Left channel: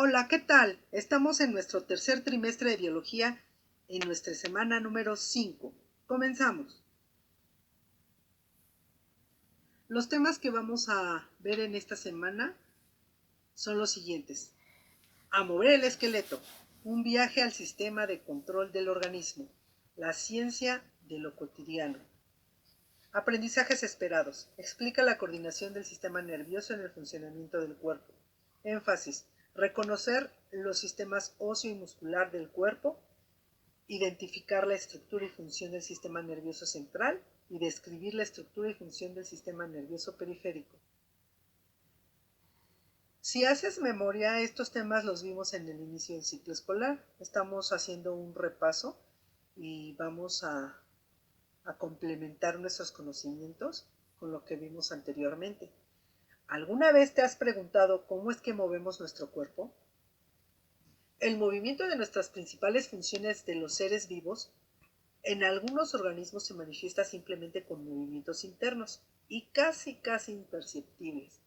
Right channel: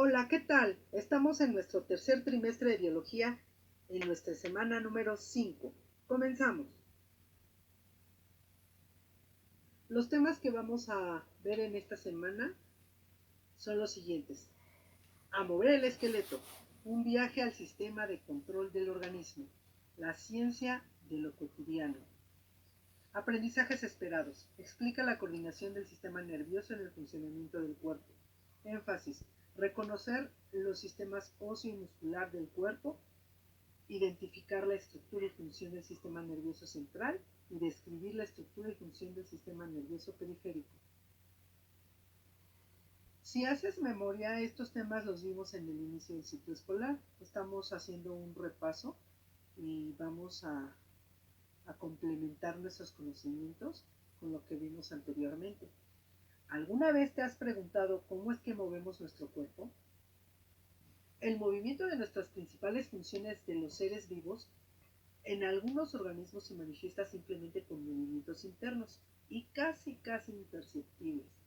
Hola, ¿qué tal? Estamos en nuestro tercer trimestre de biología en nuestra semana número 5. Comenzamos. Los temas que vamos a ver en esta semana son los siguientes. A mover el esqueleto, un viaje al sistema de control del organismo, la ciencia de lo cotidiano. Aprendizajes esperados. Explica la coordinación del sistema nervioso en el funcionamiento del cuerpo. Énfasis. Reconocer los sistemas óseo y muscular del cuerpo, identificar la estructura y función del sistema nervioso central y describir la estructura y función del sistema nervioso periférico. Si haces memoria, estos temas los vimos en el inicio del ciclo escolar. Estamos haciendo un repaso y vamos a complementar nuestros conocimientos con lo que vimos anteriormente. ¿Alguna vez te has preguntado cómo es que movemos nuestro cuerpo? El movimiento de nuestras principales funciones de los seres vivos en algunos organismos se manifiesta simplemente con movimientos internos y casi imperceptibles,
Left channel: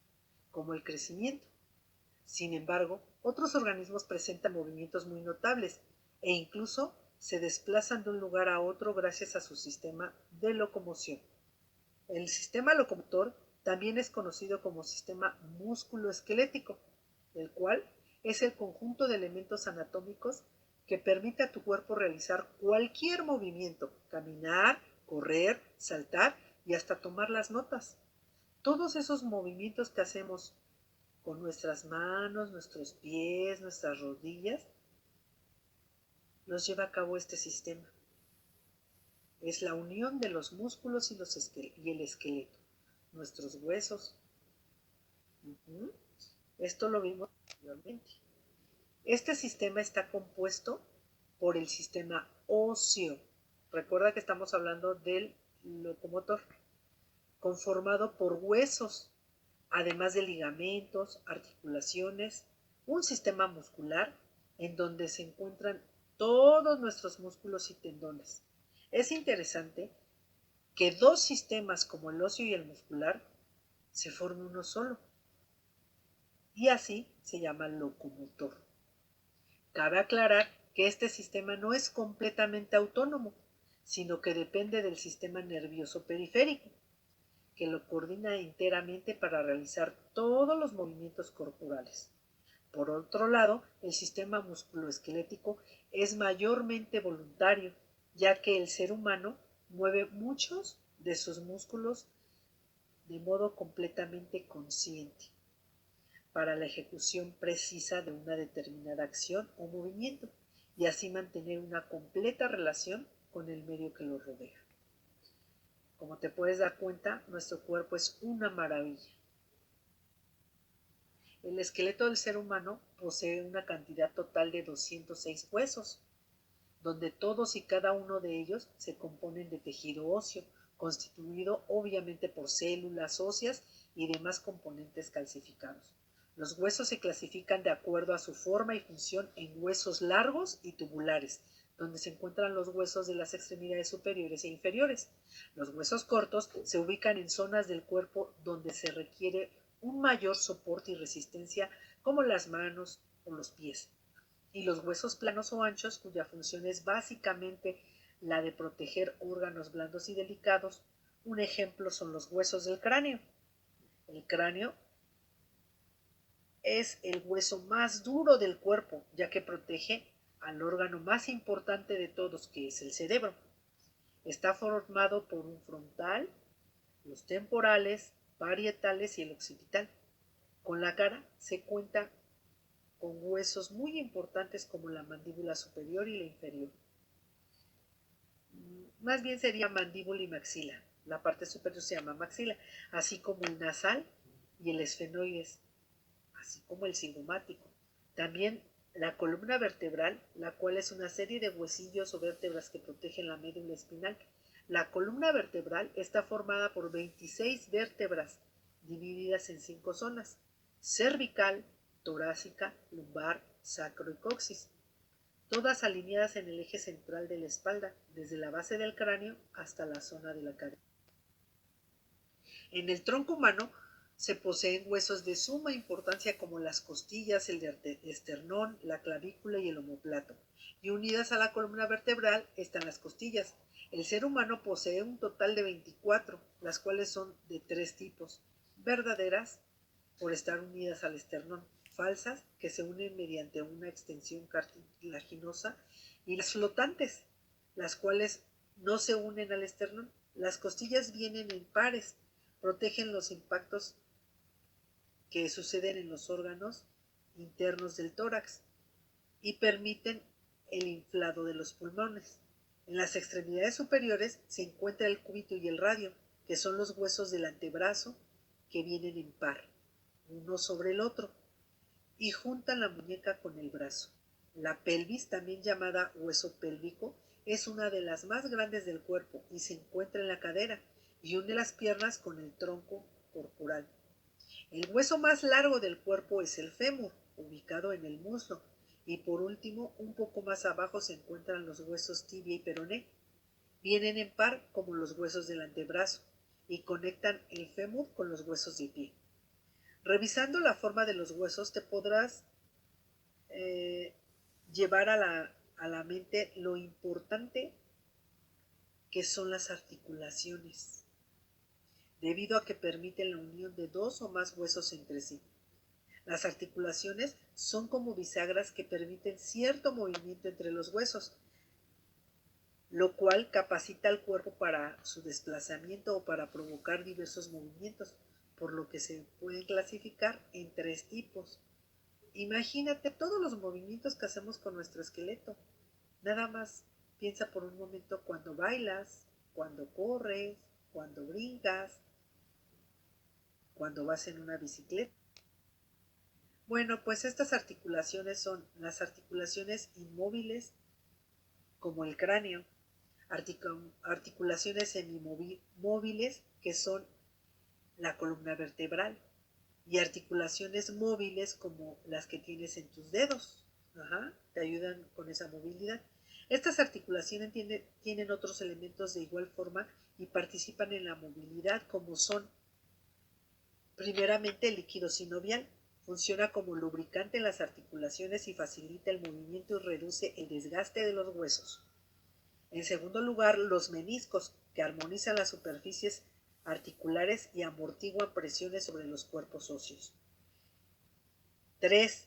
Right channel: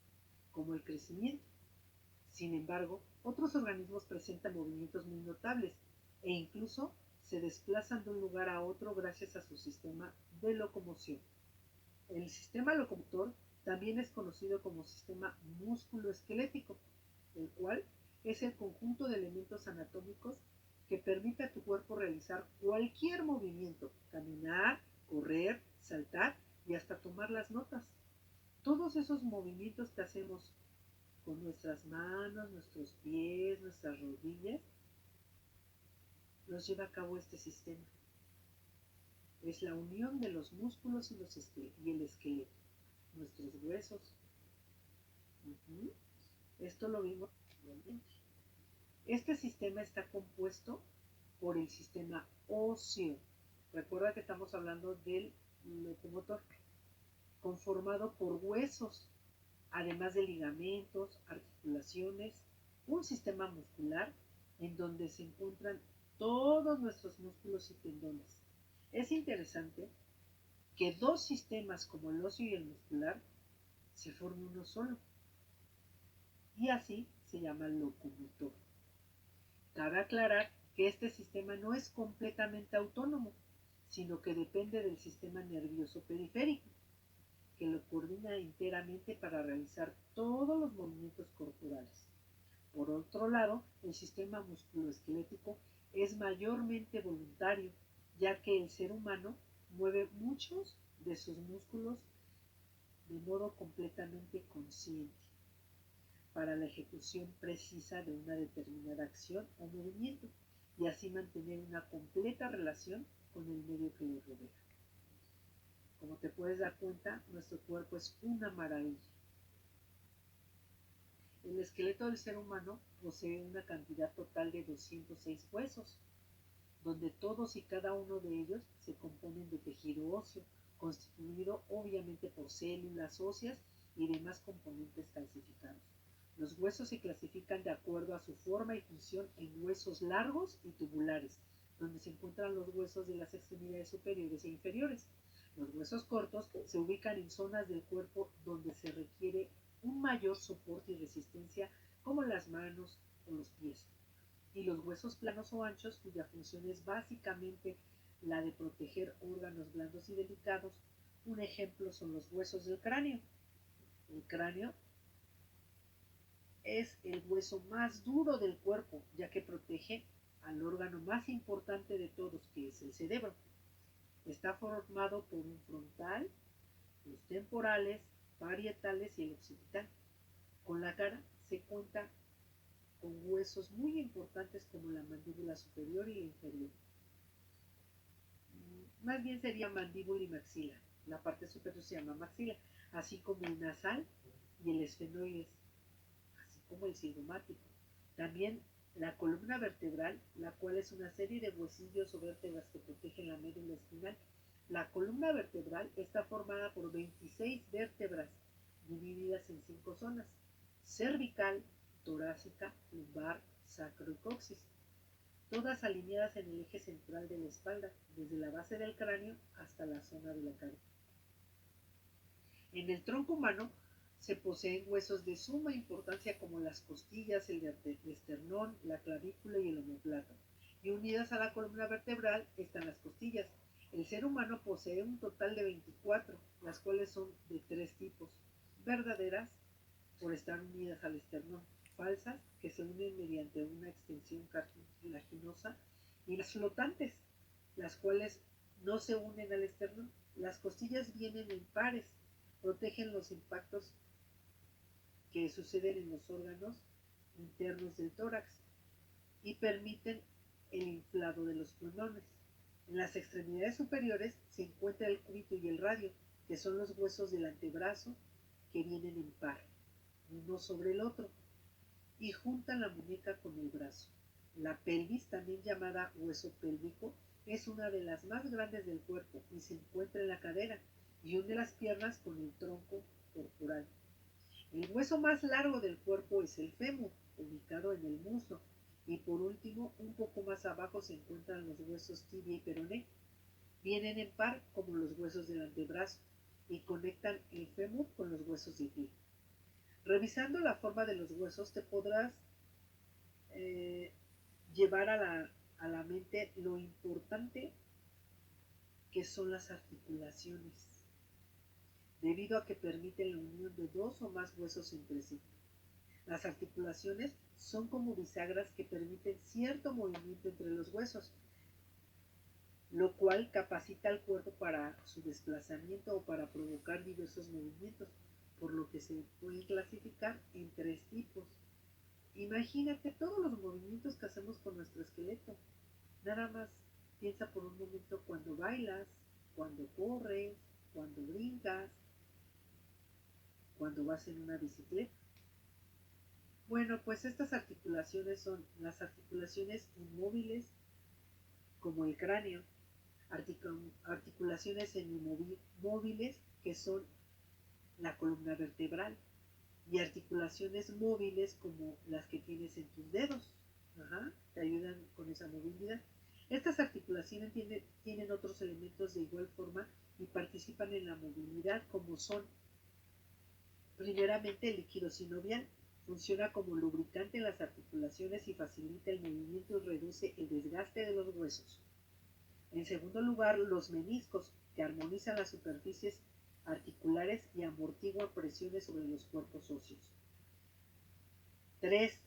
como el crecimiento. Sin embargo, otros organismos presentan movimientos muy notables e incluso se desplazan de un lugar a otro gracias a su sistema de locomoción. El sistema locomotor también es conocido como sistema músculo-esquelético, el cual es el conjunto de elementos anatómicos que permite a tu cuerpo realizar cualquier movimiento, caminar, correr, saltar y hasta tomar las notas. Todos esos movimientos que hacemos con nuestras manos, nuestros pies, nuestras rodillas, los lleva a cabo este sistema. Es la unión de los músculos y el esqueleto, nuestros huesos. Esto lo vimos anteriormente. Este sistema está compuesto por el sistema óseo. Recuerda que estamos hablando del locomotor, conformado por huesos, además de ligamentos, articulaciones, un sistema muscular en donde se encuentran todos nuestros músculos y tendones. Es interesante que dos sistemas como el óseo y el muscular se formen uno solo, y así se llama locomotor. Cabe aclarar que este sistema no es completamente autónomo, sino que depende del sistema nervioso periférico, que lo coordina enteramente para realizar todos los movimientos corporales. Por otro lado, el sistema musculoesquelético es mayormente voluntario, ya que el ser humano mueve muchos de sus músculos de modo completamente consciente para la ejecución precisa de una determinada acción o movimiento y así mantener una completa relación con el medio que lo rodea. Como te puedes dar cuenta, nuestro cuerpo es una maravilla. El esqueleto del ser humano posee una cantidad total de 206 huesos, donde todos y cada uno de ellos se componen de tejido óseo, constituido obviamente por células óseas y demás componentes calcificados. Los huesos se clasifican de acuerdo a su forma y función en huesos largos y tubulares, donde se encuentran los huesos de las extremidades superiores e inferiores. Los huesos cortos se ubican en zonas del cuerpo donde se requiere un mayor soporte y resistencia, como las manos o los pies. Y los huesos planos o anchos, cuya función es básicamente la de proteger órganos blandos y delicados. Un ejemplo son los huesos del cráneo. El cráneo es el hueso más duro del cuerpo, ya que protege al órgano más importante de todos, que es el cerebro. Está formado por un frontal, los temporales, parietales y el occipital. Con la cara se cuenta con huesos muy importantes como la mandíbula superior y la inferior. Más bien sería mandíbula y maxila. La parte superior se llama maxila, así como el nasal y el esfenoides, así como el cigomático. También la columna vertebral, la cual es una serie de huesillos o vértebras que protegen la médula espinal. La columna vertebral está formada por 26 vértebras divididas en 5 zonas: cervical, torácica, lumbar, sacro y coxis, todas alineadas en el eje central de la espalda, desde la base del cráneo hasta la zona de la cadera. En el tronco humano se poseen huesos de suma importancia como las costillas, el esternón, la clavícula y el omóplato. Y unidas a la columna vertebral están las costillas. El ser humano posee un total de 24, las cuales son de 3 tipos: verdaderas, por estar unidas al esternón; falsas, que se unen mediante una extensión cartilaginosa; y las flotantes, las cuales no se unen al esternón. Las costillas vienen en pares, protegen los impactos que suceden en los órganos internos del tórax y permiten el inflado de los pulmones. En las extremidades superiores se encuentra el cúbito y el radio, que son los huesos del antebrazo que vienen en par, uno sobre el otro, y juntan la muñeca con el brazo. La pelvis, también llamada hueso pélvico, es una de las más grandes del cuerpo y se encuentra en la cadera y une las piernas con el tronco corporal. El hueso más largo del cuerpo es el fémur, ubicado en el muslo, y por último, un poco más abajo se encuentran los huesos tibia y peroné. Vienen en par como los huesos del antebrazo y conectan el fémur con los huesos del pie. Revisando la forma de los huesos te podrás llevar a la mente lo importante que son las articulaciones, debido a que permiten la unión de dos o más huesos entre sí. Las articulaciones son como bisagras que permiten cierto movimiento entre los huesos, lo cual capacita al cuerpo para su desplazamiento o para provocar diversos movimientos, por lo que se pueden clasificar en 3 tipos. Imagínate todos los movimientos que hacemos con nuestro esqueleto. Nada más piensa por un momento cuando bailas, cuando corres, cuando brincas, cuando vas en una bicicleta. Bueno, pues estas articulaciones son las articulaciones inmóviles, como el cráneo; articulaciones semimóviles, que son la columna vertebral; y articulaciones móviles, como las que tienes en tus dedos. Te ayudan con esa movilidad. Estas articulaciones tienen otros elementos de igual forma y participan en la movilidad, como son, primeramente, el líquido sinovial. Funciona como lubricante en las articulaciones y facilita el movimiento y reduce el desgaste de los huesos. En segundo lugar, los meniscos, que armonizan las superficies articulares y amortiguan presiones sobre los cuerpos óseos. 3.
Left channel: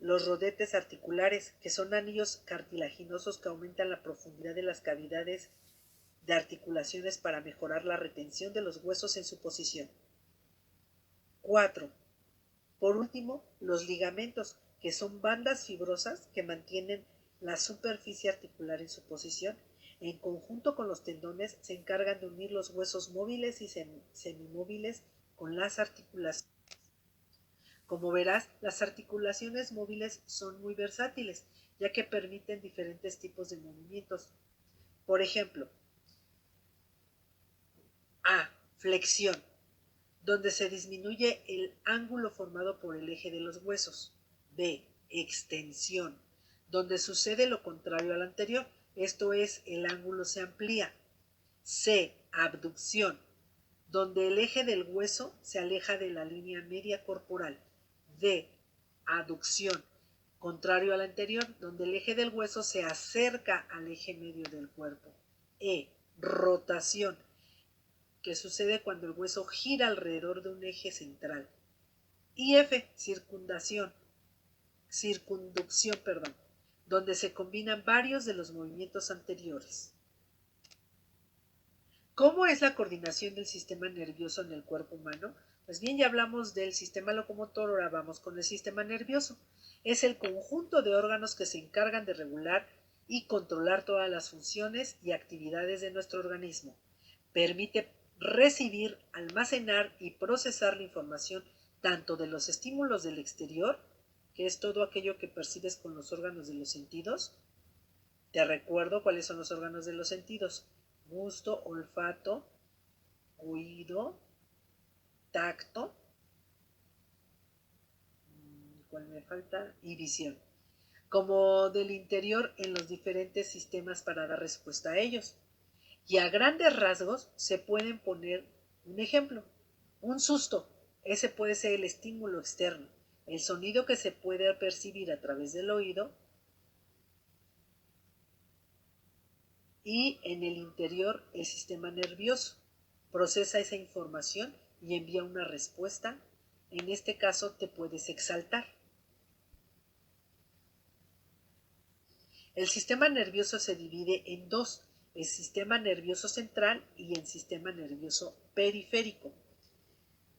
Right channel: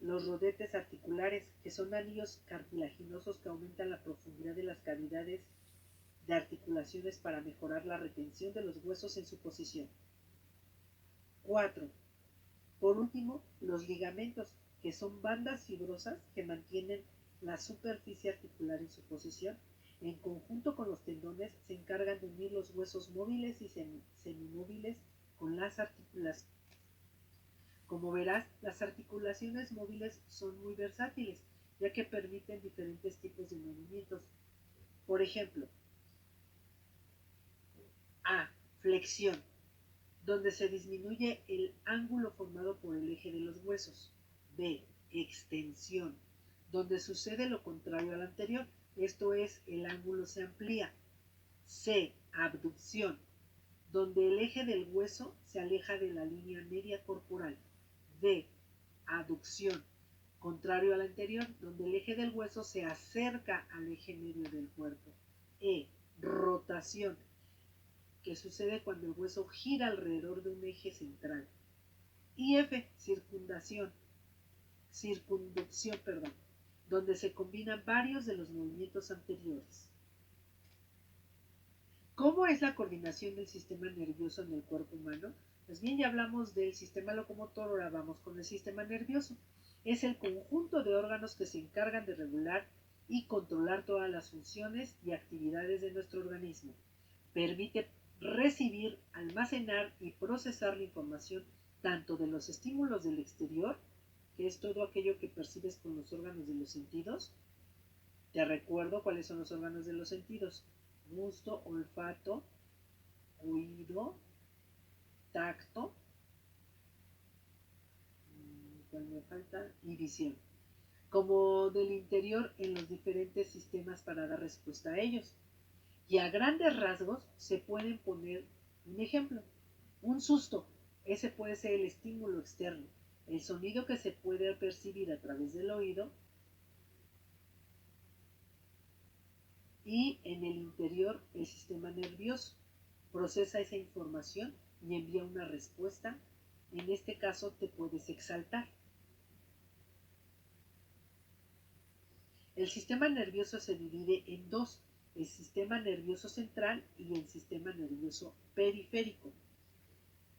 Los rodetes articulares, que son anillos cartilaginosos que aumentan la profundidad de las cavidades de articulaciones para mejorar la retención de los huesos en su posición. 4. Por último, los ligamentos, que son bandas fibrosas que mantienen la superficie articular en su posición. En conjunto con los tendones, se encargan de unir los huesos móviles y semimóviles con las articulaciones. Como verás, las articulaciones móviles son muy versátiles, ya que permiten diferentes tipos de movimientos. Por ejemplo, A. Flexión, donde se disminuye el ángulo formado por el eje de los huesos. B. Extensión, donde sucede lo contrario al anterior, esto es, el ángulo se amplía. C. Abducción, donde el eje del hueso se aleja de la línea media corporal. D. Aducción, contrario al anterior, donde el eje del hueso se acerca al eje medio del cuerpo. E. Rotación, que sucede cuando el hueso gira alrededor de un eje central. Y F. Circunducción, donde se combinan varios de los movimientos anteriores. ¿Cómo es la coordinación del sistema nervioso en el cuerpo humano? Pues bien, ya hablamos del sistema locomotor, ahora vamos con el sistema nervioso. Es el conjunto de órganos que se encargan de regular y controlar todas las funciones y actividades de nuestro organismo. Permite recibir, almacenar y procesar la información tanto de los estímulos del exterior, que es todo aquello que percibes con los órganos de los sentidos. Te recuerdo cuáles son los órganos de los sentidos: gusto, olfato, oído, tacto, ¿cuál me falta? Y visión. Como del interior en los diferentes sistemas para dar respuesta a ellos. Y a grandes rasgos se pueden poner un ejemplo. Un susto ese puede ser el estímulo externo, el sonido que se puede percibir a través del oído, y en el interior el sistema nervioso procesa esa información y envía una respuesta. En este caso te puedes exaltar. El sistema nervioso se divide en dos, el sistema nervioso central y el sistema nervioso periférico.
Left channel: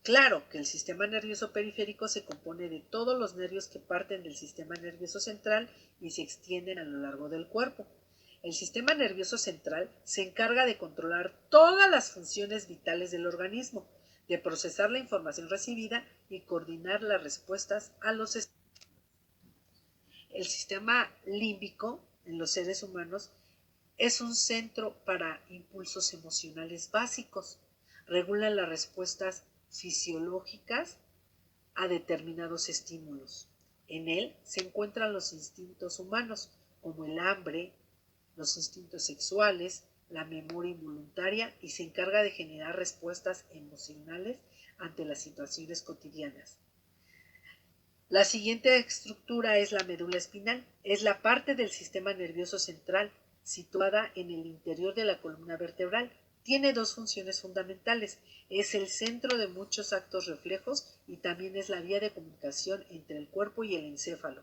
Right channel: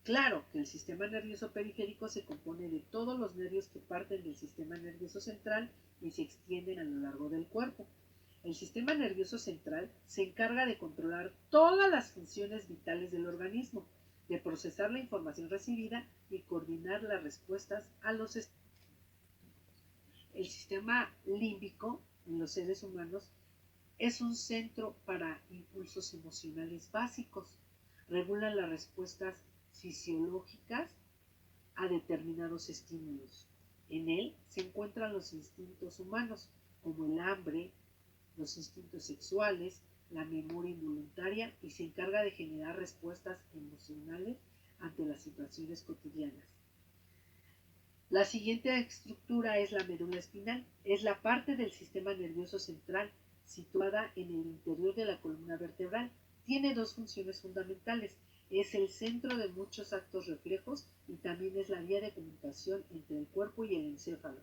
Claro que el sistema nervioso periférico se compone de todos los nervios que parten del sistema nervioso central y se extienden a lo largo del cuerpo. El sistema nervioso central se encarga de controlar todas las funciones vitales del organismo, de procesar la información recibida y coordinar las respuestas a los estímulos. El sistema límbico en los seres humanos es un centro para impulsos emocionales básicos. Regula las respuestas fisiológicas a determinados estímulos. En él se encuentran los instintos humanos, como el hambre, los instintos sexuales, la memoria involuntaria, y se encarga de generar respuestas emocionales ante las situaciones cotidianas. La siguiente estructura es la médula espinal. Es la parte del sistema nervioso central situada en el interior de la columna vertebral. Tiene dos funciones fundamentales. Es el centro de muchos actos reflejos y también es la vía de comunicación entre el cuerpo y el encéfalo.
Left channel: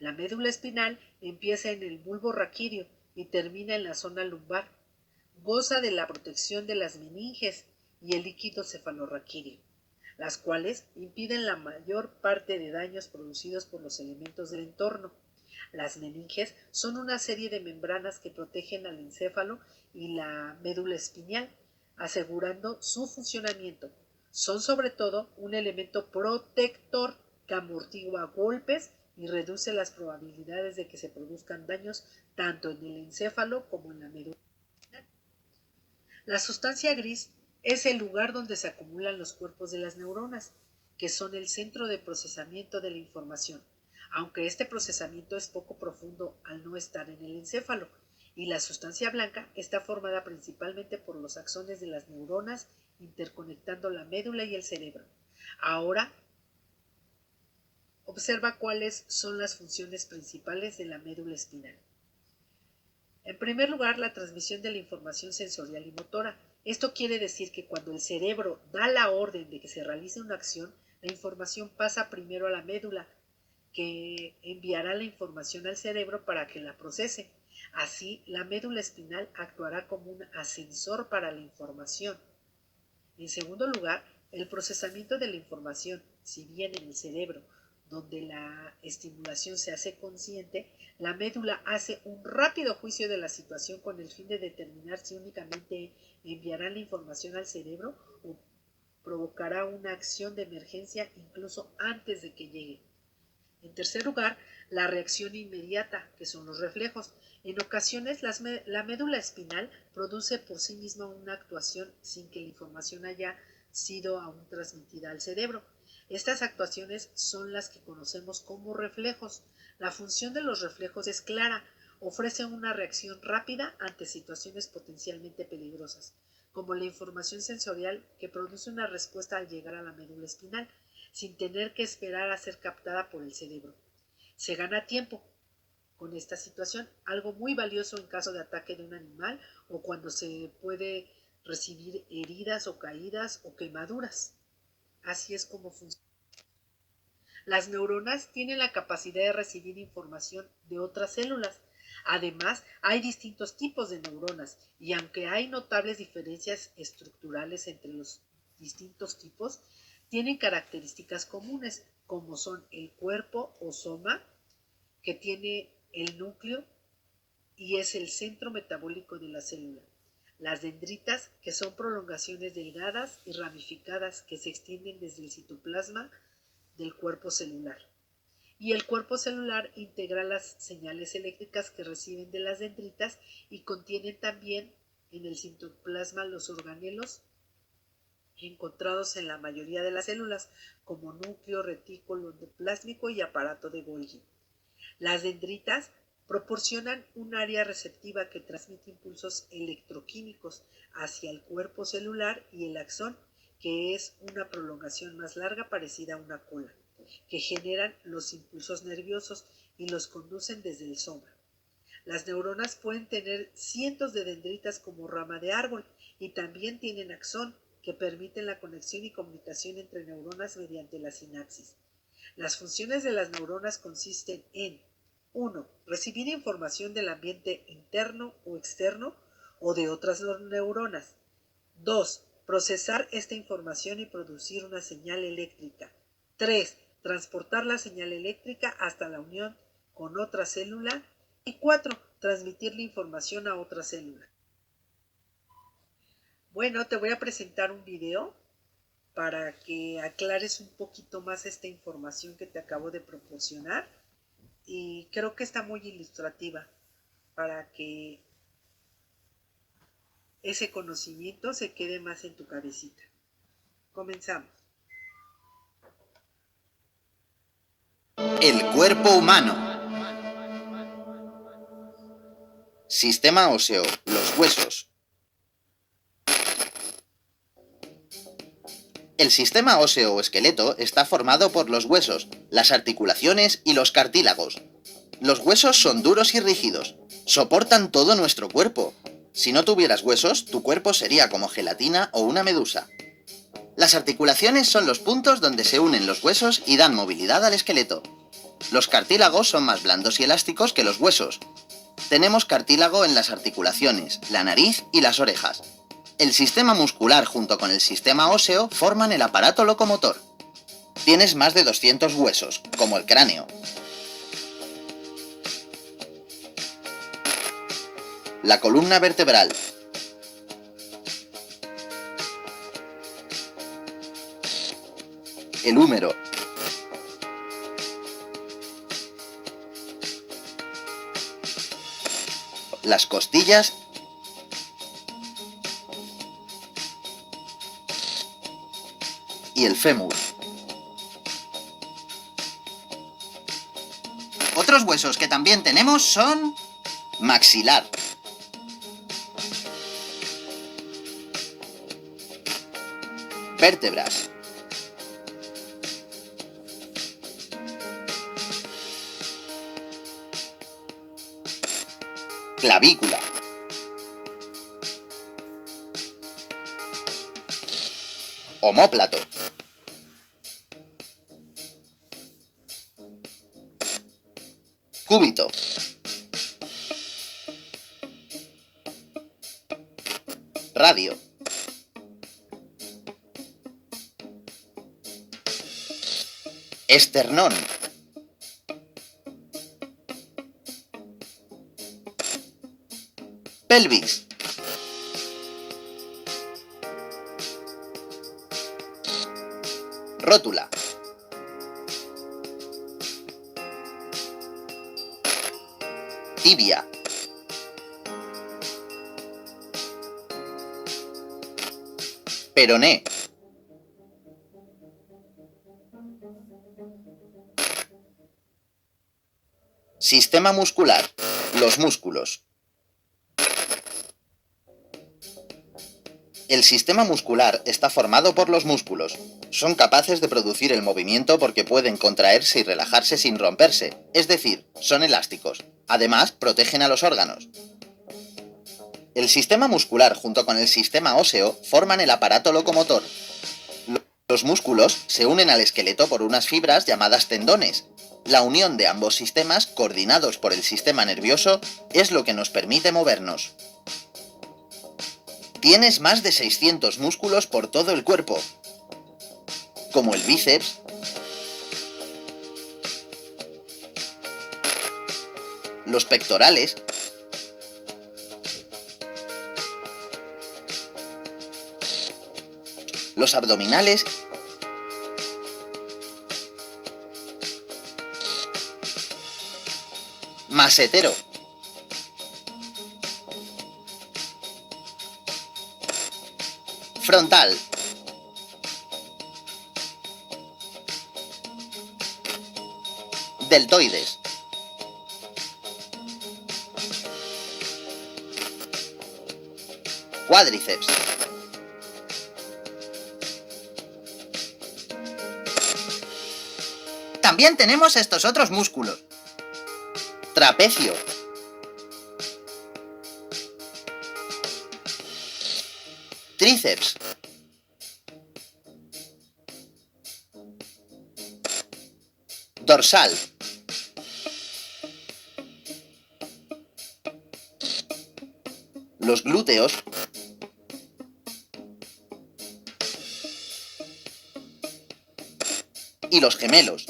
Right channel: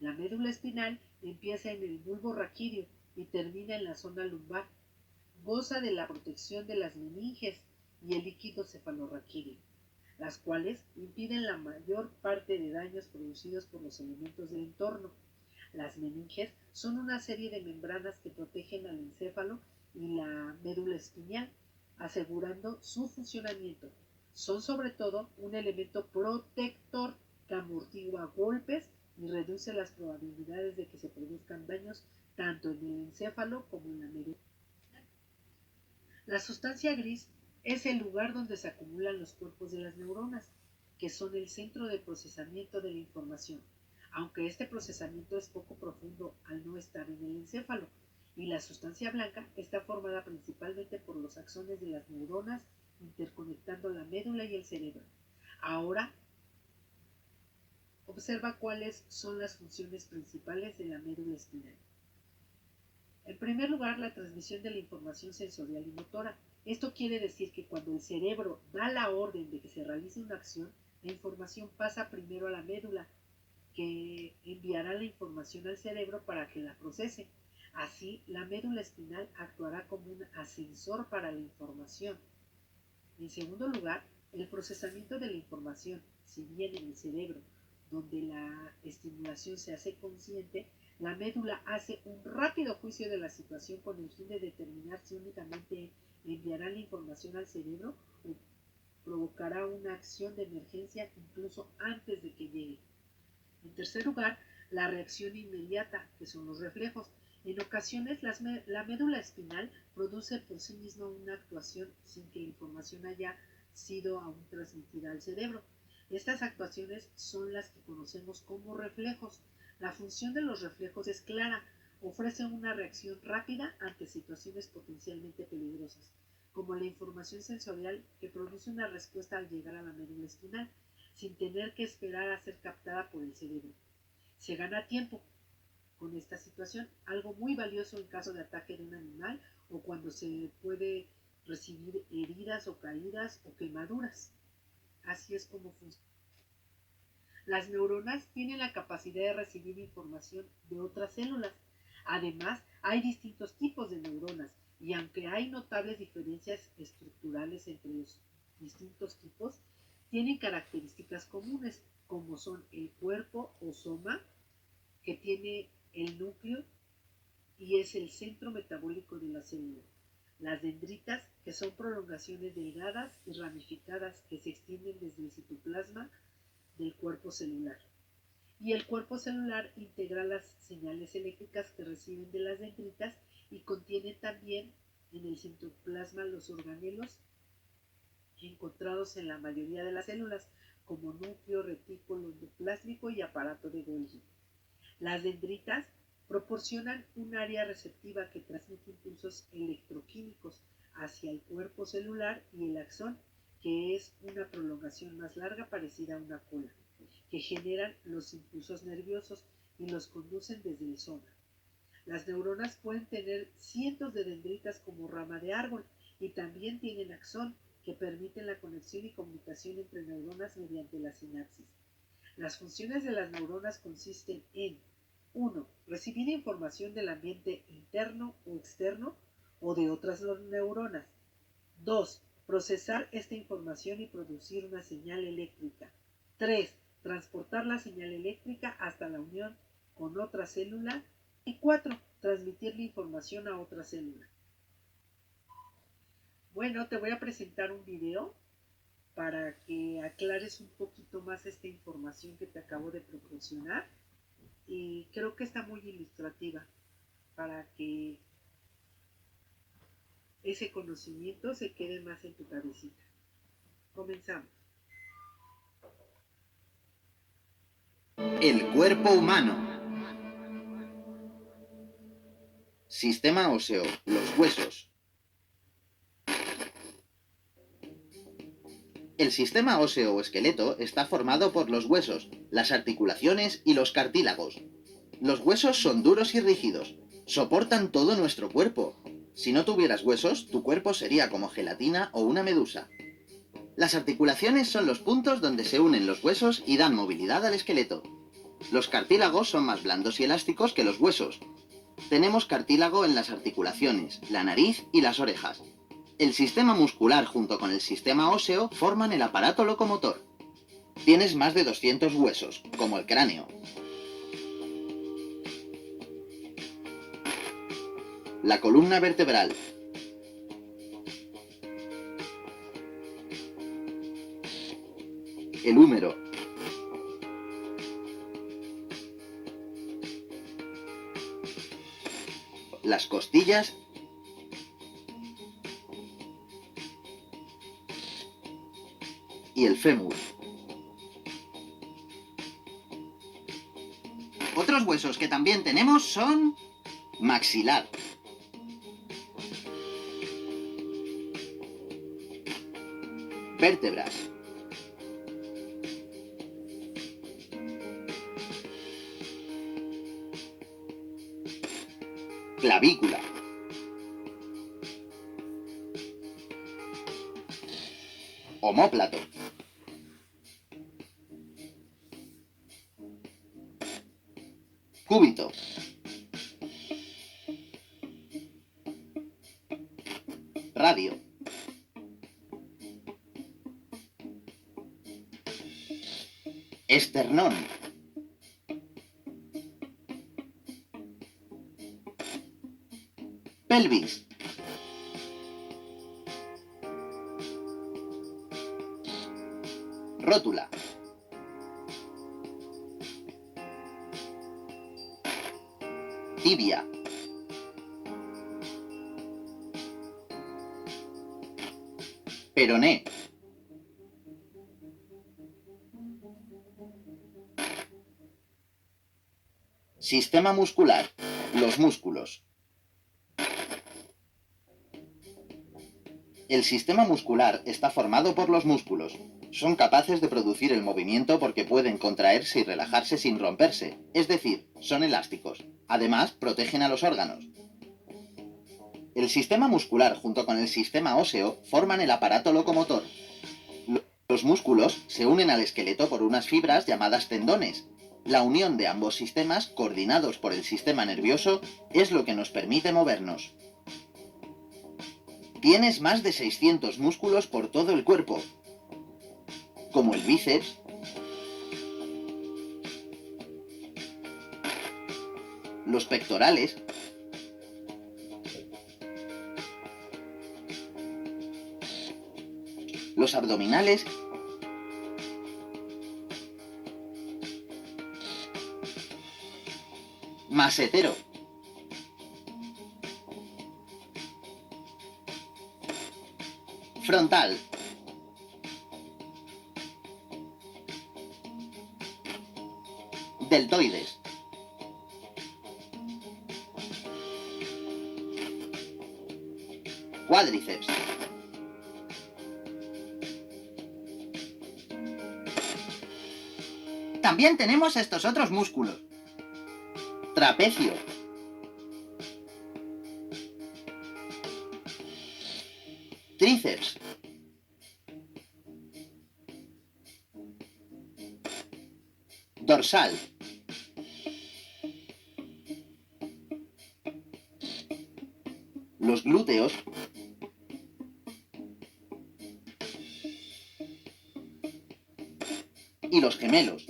La médula espinal empieza en el bulbo raquídeo y termina en la zona lumbar. Goza de la protección de las meninges y el líquido cefalorraquídeo, las cuales impiden la mayor parte de daños producidos por los elementos del entorno. Las meninges son una serie de membranas que protegen al encéfalo y la médula espinal, asegurando su funcionamiento. Son sobre todo un elemento protector que amortigua golpes y reduce las probabilidades de que se produzcan daños tanto en el encéfalo como en la médula espinal. La sustancia gris es el lugar donde se acumulan los cuerpos de las neuronas, que son el centro de procesamiento de la información, aunque este procesamiento es poco profundo al no estar en el encéfalo, y la sustancia blanca está formada principalmente por los axones de las neuronas interconectando la médula y el cerebro. Ahora, observa cuáles son las funciones principales de la médula espinal. En primer lugar, la transmisión de la información sensorial y motora. Esto quiere decir que cuando el cerebro da la orden de que se realice una acción, la información pasa primero a la médula, que enviará la información al cerebro para que la procese. Así, la médula espinal actuará como un ascensor para la información. En segundo lugar, el procesamiento de la información, si bien en el cerebro, donde la estimulación se hace consciente, la médula hace un rápido juicio de la situación con el fin de determinar si únicamente enviará la información al cerebro o provocará una acción de emergencia incluso antes de que llegue. En tercer lugar, la reacción inmediata, que son los reflejos. En ocasiones, la médula espinal produce por sí misma una actuación sin que la información haya sido aún transmitida al cerebro. Estas actuaciones son las que conocemos como reflejos. La función de los reflejos es clara, ofrecen una reacción rápida ante situaciones potencialmente peligrosas, como la información sensorial que produce una respuesta al llegar a la médula espinal, sin tener que esperar a ser captada por el cerebro. Se gana tiempo con esta situación, algo muy valioso en caso de ataque de un animal o cuando se puede recibir heridas o caídas o quemaduras. Así es como funciona. Las neuronas tienen la capacidad de recibir información de otras células. Además, hay distintos tipos de neuronas y aunque hay notables diferencias estructurales entre los distintos tipos, tienen características comunes, como son el cuerpo o soma, que tiene el núcleo y es el centro metabólico de la célula. Las dendritas, que son prolongaciones delgadas y ramificadas que se extienden desde el citoplasma del cuerpo celular. Y el cuerpo celular integra las señales eléctricas que reciben de las dendritas y contiene también en el citoplasma los organelos encontrados en la mayoría de las células, como núcleo, retículo endoplásmico y aparato de Golgi. Las dendritas proporcionan un área receptiva que transmite impulsos electroquímicos hacia el cuerpo celular y el axón, que es una prolongación más larga parecida a una cola, que generan los impulsos nerviosos y los conducen desde el soma. Las neuronas pueden tener cientos de dendritas como rama de árbol y también tienen axón, que permiten la conexión y comunicación entre neuronas mediante la sinapsis. Las funciones de las neuronas consisten en 1. Recibir información del ambiente interno o externo o de otras neuronas. 2. Procesar esta información y producir una señal eléctrica. 3. Transportar la señal eléctrica hasta la unión con otra célula. Y 4. Transmitir la información a otra célula. Bueno, te voy a presentar un video para que aclares un poquito más esta información que te acabo de proporcionar. Y creo que está muy ilustrativa para que ese conocimiento se quede más en tu cabecita. Comenzamos. El cuerpo humano. Sistema óseo, los huesos. El sistema óseo o esqueleto está formado por los huesos, las articulaciones y los cartílagos. Los huesos son duros y rígidos, soportan todo nuestro cuerpo. Si no tuvieras huesos, tu cuerpo sería como gelatina o una medusa. Las articulaciones son los puntos donde se unen los huesos y dan movilidad al esqueleto. Los cartílagos son más blandos y elásticos que los huesos. Tenemos cartílago en las articulaciones, la nariz y las orejas. El sistema muscular junto con el sistema óseo forman el aparato locomotor. Tienes más de 200 huesos, como el cráneo. La columna vertebral. El húmero. Las costillas y el fémur. Otros huesos que también tenemos son maxilar, vértebras, clavícula, omóplato, cúbito, radio, esternón, pelvis, rótula, tibia, peroné, sistema muscular, los músculos. El sistema muscular está formado por los músculos. Son capaces de producir el movimiento porque pueden contraerse y relajarse sin romperse, es decir, son elásticos. Además, protegen a los órganos. El sistema muscular junto con el sistema óseo forman el aparato locomotor. Los músculos se unen al esqueleto por unas fibras llamadas tendones. La unión de ambos sistemas, coordinados por el sistema nervioso, es lo que nos permite movernos. Tienes más de 600 músculos por todo el cuerpo, como el bíceps, los pectorales, los abdominales masetero, frontal, deltoides, cuádriceps, También tenemos estos otros músculos. Trapecio. Tríceps. Dorsal. Los glúteos. Y los gemelos.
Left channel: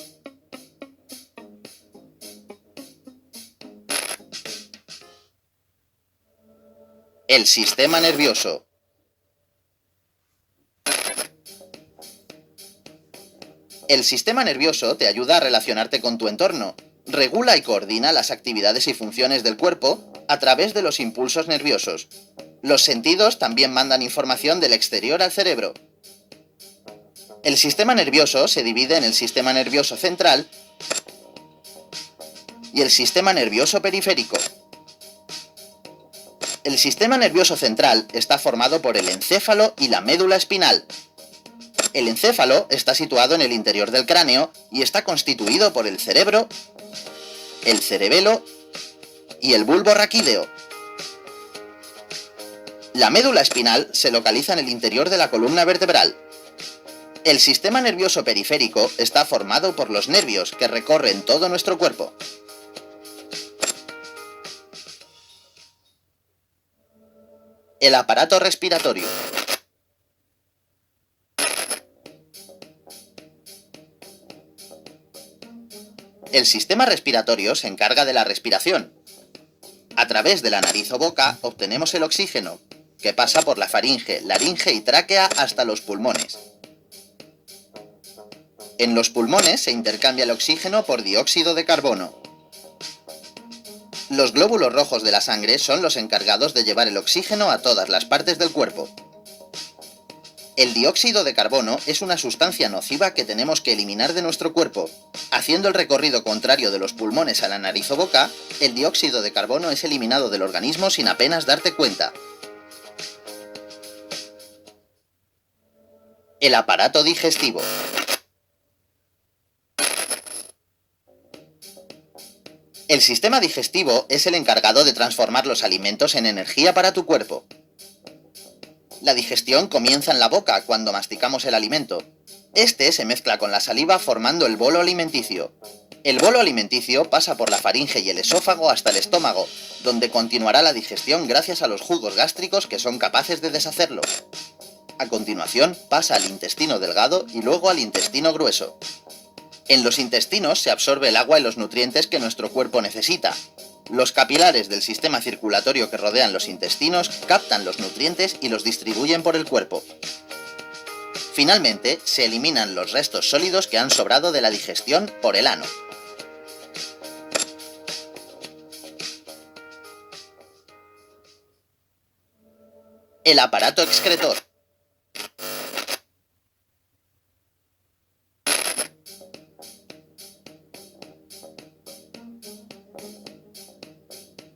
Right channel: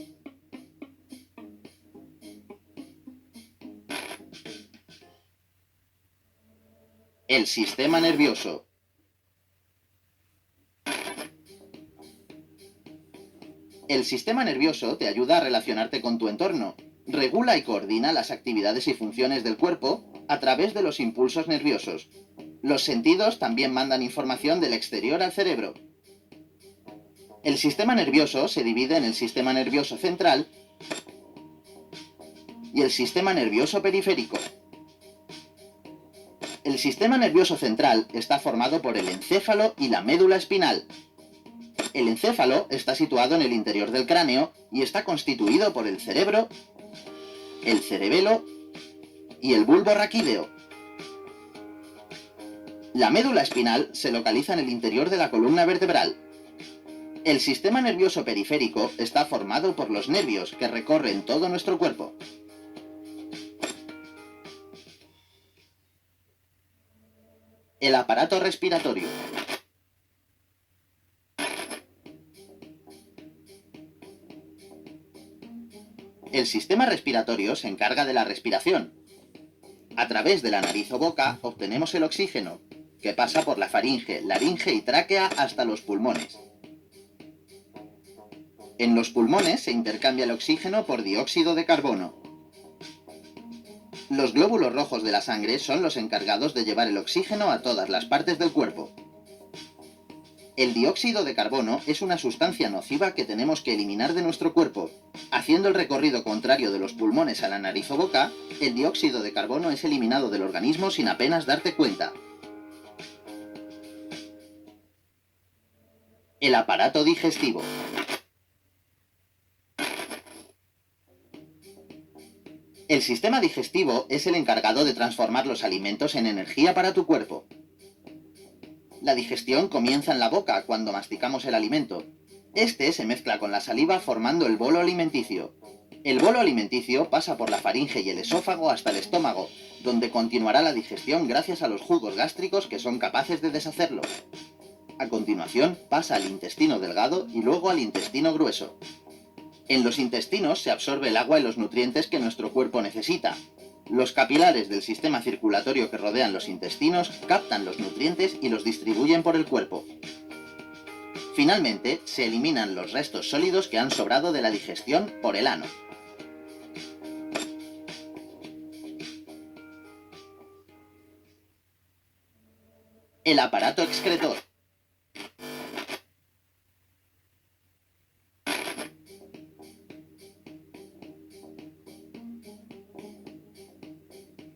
El sistema nervioso. El sistema nervioso te ayuda a relacionarte con tu entorno, regula y coordina las actividades y funciones del cuerpo a través de los impulsos nerviosos. Los sentidos también mandan información del exterior al cerebro. El sistema nervioso se divide en el sistema nervioso central y el sistema nervioso periférico. El sistema nervioso central está formado por el encéfalo y la médula espinal. El encéfalo está situado en el interior del cráneo y está constituido por el cerebro, el cerebelo y el bulbo raquídeo. La médula espinal se localiza en el interior de la columna vertebral. El sistema nervioso periférico está formado por los nervios que recorren todo nuestro cuerpo. El aparato respiratorio. El sistema respiratorio se encarga de la respiración. A través de la nariz o boca obtenemos el oxígeno, que pasa por la faringe, laringe y tráquea hasta los pulmones. En los pulmones se intercambia el oxígeno por dióxido de carbono. Los glóbulos rojos de la sangre son los encargados de llevar el oxígeno a todas las partes del cuerpo. El dióxido de carbono es una sustancia nociva que tenemos que eliminar de nuestro cuerpo. Haciendo el recorrido contrario de los pulmones a la nariz o boca, el dióxido de carbono es eliminado del organismo sin apenas darte cuenta. El aparato digestivo. El sistema digestivo es el encargado de transformar los alimentos en energía para tu cuerpo. La digestión comienza en la boca cuando masticamos el alimento. Este se mezcla con la saliva formando el bolo alimenticio. El bolo alimenticio pasa por la faringe y el esófago hasta el estómago, donde continuará la digestión gracias a los jugos gástricos que son capaces de deshacerlo. A continuación pasa al intestino delgado y luego al intestino grueso. En los intestinos se absorbe el agua y los nutrientes que nuestro cuerpo necesita. Los capilares del sistema circulatorio que rodean los intestinos captan los nutrientes y los distribuyen por el cuerpo. Finalmente, se eliminan los restos sólidos que han sobrado de la digestión por el ano. El aparato excretor.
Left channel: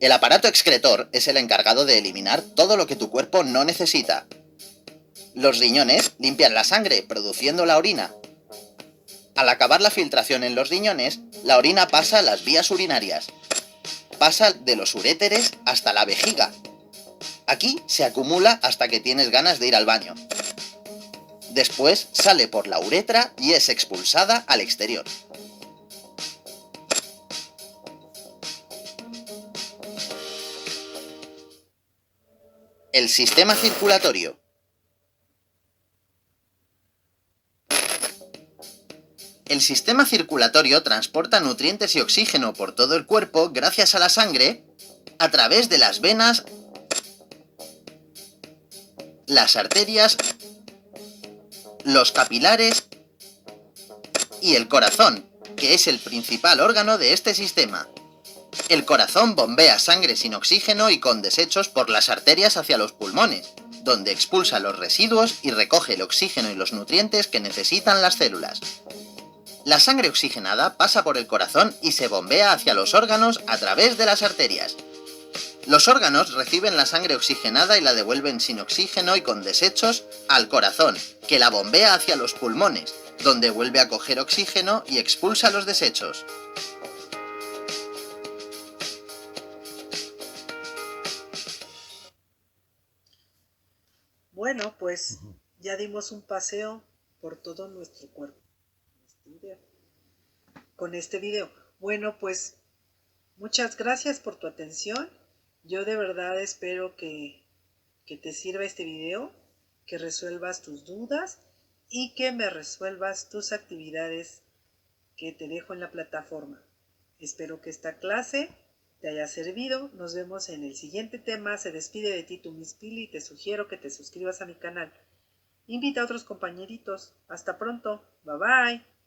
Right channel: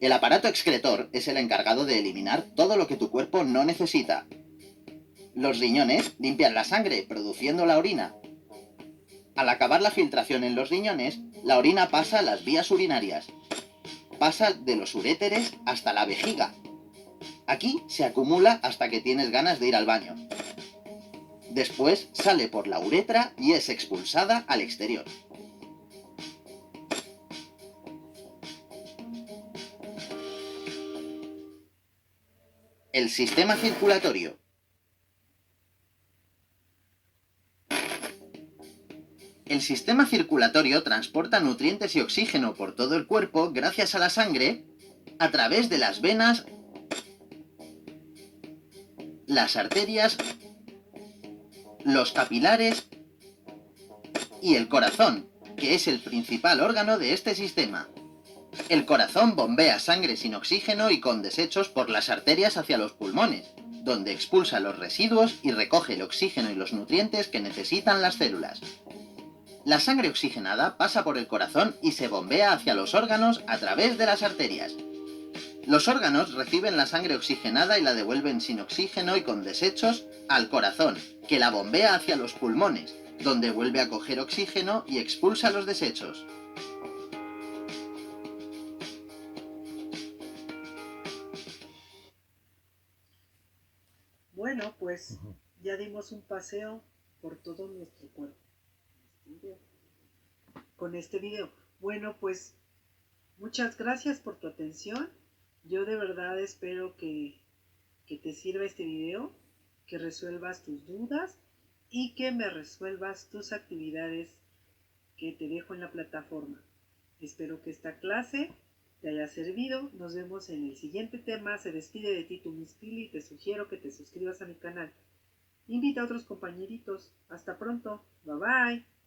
El aparato excretor es el encargado de eliminar todo lo que tu cuerpo no necesita. Los riñones limpian la sangre, produciendo la orina. Al acabar la filtración en los riñones, la orina pasa a las vías urinarias. Pasa de los uréteres hasta la vejiga. Aquí se acumula hasta que tienes ganas de ir al baño. Después sale por la uretra y es expulsada al exterior. El sistema circulatorio. El sistema circulatorio transporta nutrientes y oxígeno por todo el cuerpo gracias a la sangre a través de las venas, las arterias, los capilares y el corazón, que es el principal órgano de este sistema. El corazón bombea sangre sin oxígeno y con desechos por las arterias hacia los pulmones, donde expulsa los residuos y recoge el oxígeno y los nutrientes que necesitan las células. La sangre oxigenada pasa por el corazón y se bombea hacia los órganos a través de las arterias. Los órganos reciben la sangre oxigenada y la devuelven sin oxígeno y con desechos al corazón, que la bombea hacia los pulmones, donde vuelve a coger oxígeno y expulsa los desechos. Bueno, pues ya dimos un paseo por todo nuestro cuerpo con este video. Bueno, pues muchas gracias por tu atención. Yo de verdad espero que te sirva este video, que resuelvas tus dudas y que me resuelvas tus actividades que te dejo en la plataforma. Espero que esta clase te haya servido. Nos vemos en el siguiente tema. Se despide de ti tu Miss Pili y te sugiero que te suscribas a mi canal. Invita a otros compañeritos. Hasta pronto. Bye bye.